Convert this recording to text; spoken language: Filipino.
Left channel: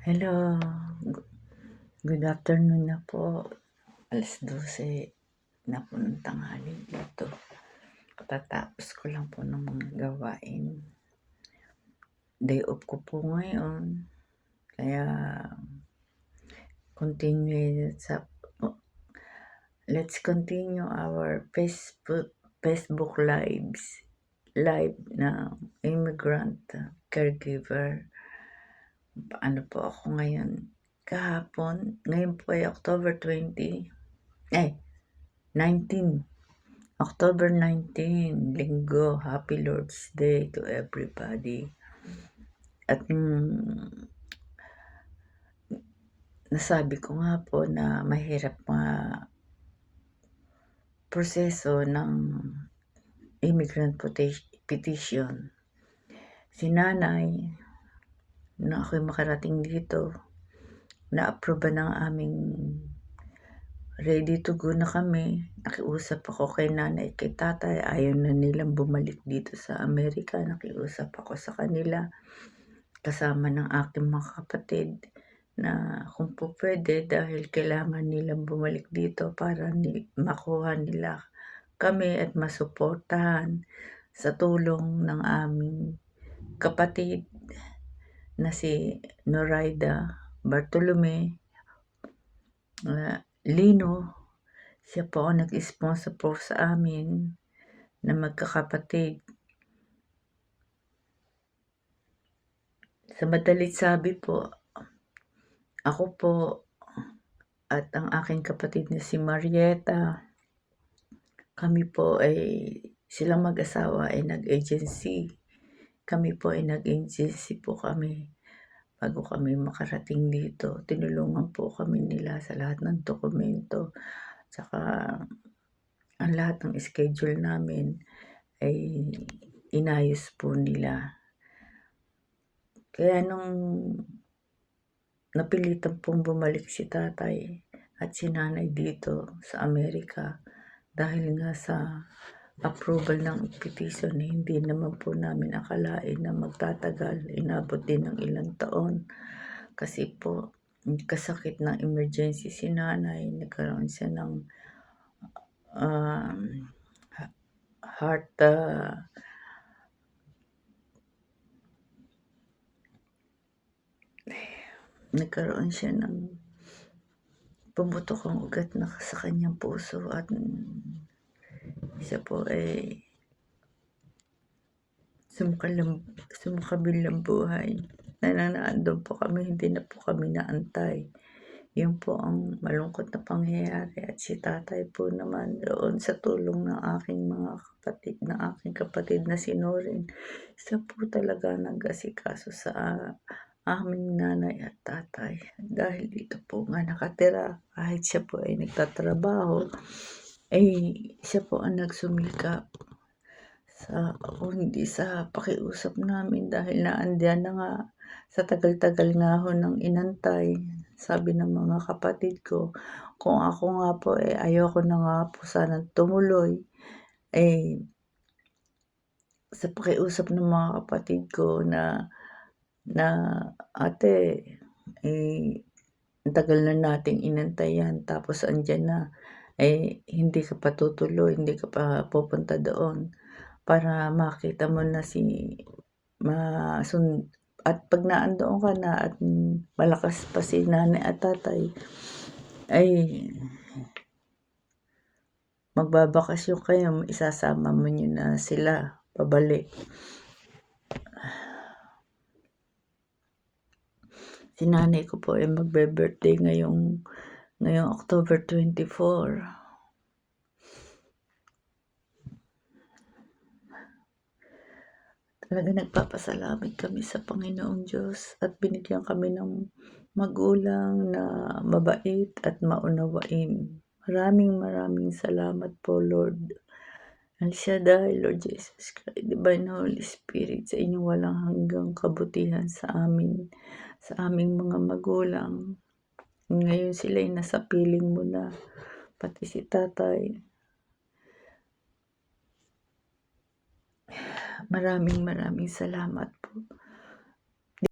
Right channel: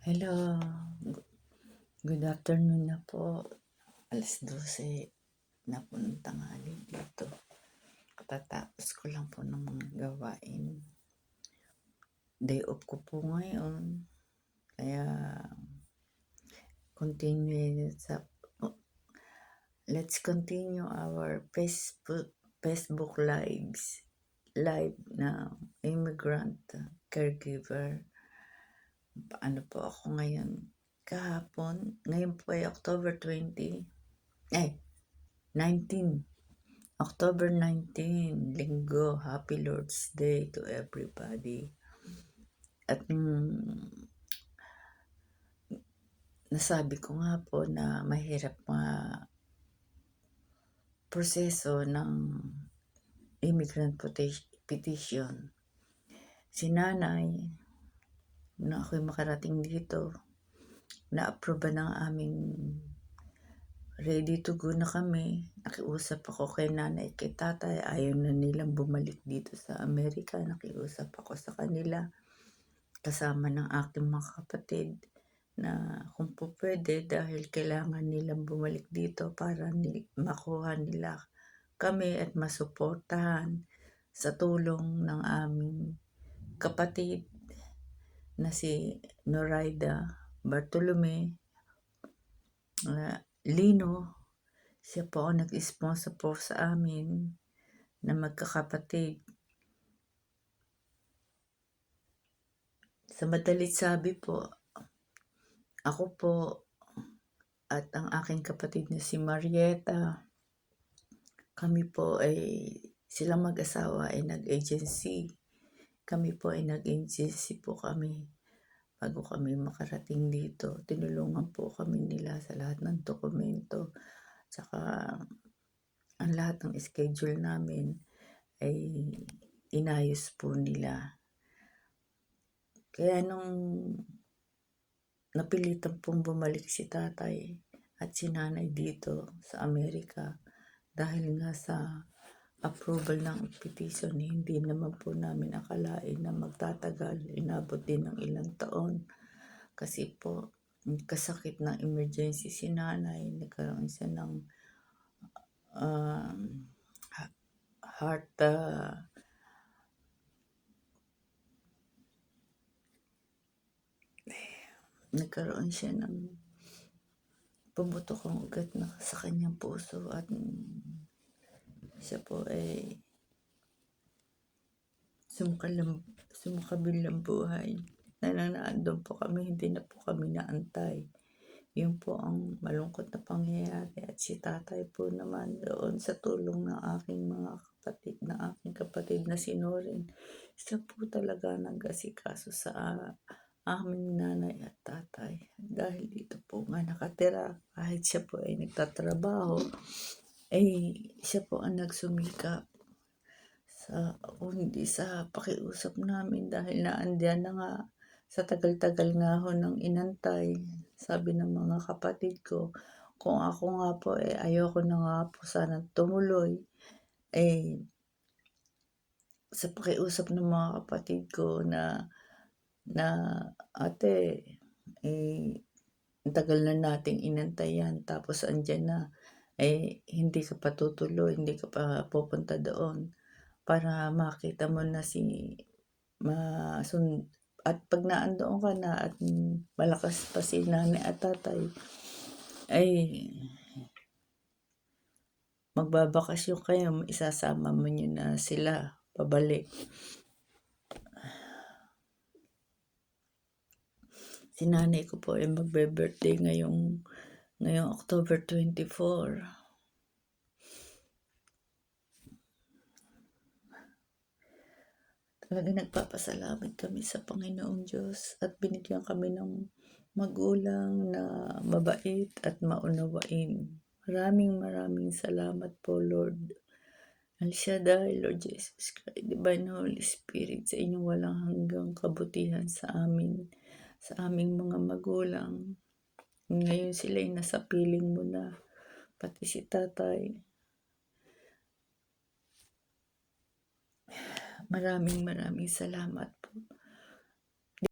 Hello, gu- good afternoon na po. 12:00 na po ng tanghali dito. Katatapos ko lang po ng mga gawain. Day off ko po ngayon. Kaya let's continue our Facebook live na immigrant caregiver. Ano po ako ngayon? Ngayon po ay October 19. October 19, Linggo. Happy Lord's Day to everybody. At nasabi ko nga po na mahirap proseso ng immigrant petition. Si nanay, na ako'y makarating dito, na-approve ng aming ready to go na kami. Nakiusap ako kay nanay, kay tatay. Ayaw na nilang bumalik dito sa Amerika. Nakiusap ako sa kanila kasama ng aking mga kapatid na kung po pwede dahil kailangan nilang bumalik dito para makuha nila kami at masuportahan sa tulong ng aming kapatid na si Noraida Bartolome Lino. Siya po ang nag-sponsor po sa amin na magkakapatid. Sa madalit sabi po, ako po at ang aking kapatid na si Marieta, kami po silang mag-asawa ay nag-agency. Kami po ay nag-agency po kami bago kami makarating dito. Tinulungan po kami nila sa lahat ng dokumento. Saka ang lahat ng schedule namin ay inayos po nila. Kaya nung napilitan pong bumalik si tatay at si nanay dito sa Amerika dahil nga sa approval ng petition, hindi naman po namin akalain na magtatagal. Inabot din ng ilang taon kasi po kasakit ng emergency si nanay. Nagkaroon siya ng heart nagkaroon siya ng pumutok ang ugat na sa kanyang puso at siya po ay sumakabilang buhay. Nananaandun po kami, hindi na po kami naantay. Yun po ang malungkot na pangyayari. At si tatay po naman doon sa tulong ng aking mga kapatid, na si Norin. Siya po talaga nag-asikaso sa aming nanay at tatay. Dahil dito po nga nakatira, kahit siya po ay nagtatrabaho, siya po ang nagsumikap hindi sa pakiusap namin dahil naandiyan na nga sa tagal-tagal nga ho ng inantay. Sabi ng mga kapatid ko, kung ako nga po ayoko na nga po sana tumuloy. Sa pakiusap ng mga kapatid ko na ate, tagal na nating inantay yan, tapos andyan na, hindi ka pa tutuloy, hindi ka pa pupunta doon para makita mo na at pag naandoon ka na at malakas pa si nanay at tatay, magbabakasyon kayo, isasama mo nyo na sila pabalik. Si nanay ko po ay magbe-birthday ngayong October 24. Talaga nagpapasalamat kami sa Panginoong Diyos at binigyan kami ng magulang na mabait at maunawain. Maraming salamat po, Lord. El Shaddai, Lord Jesus Christ, Divine Holy Spirit, sa inyong walang hanggang kabutihan sa amin, sa aming mga magulang. Ngayon sila'y nasa piling mo na, pati si tatay. Maraming salamat po.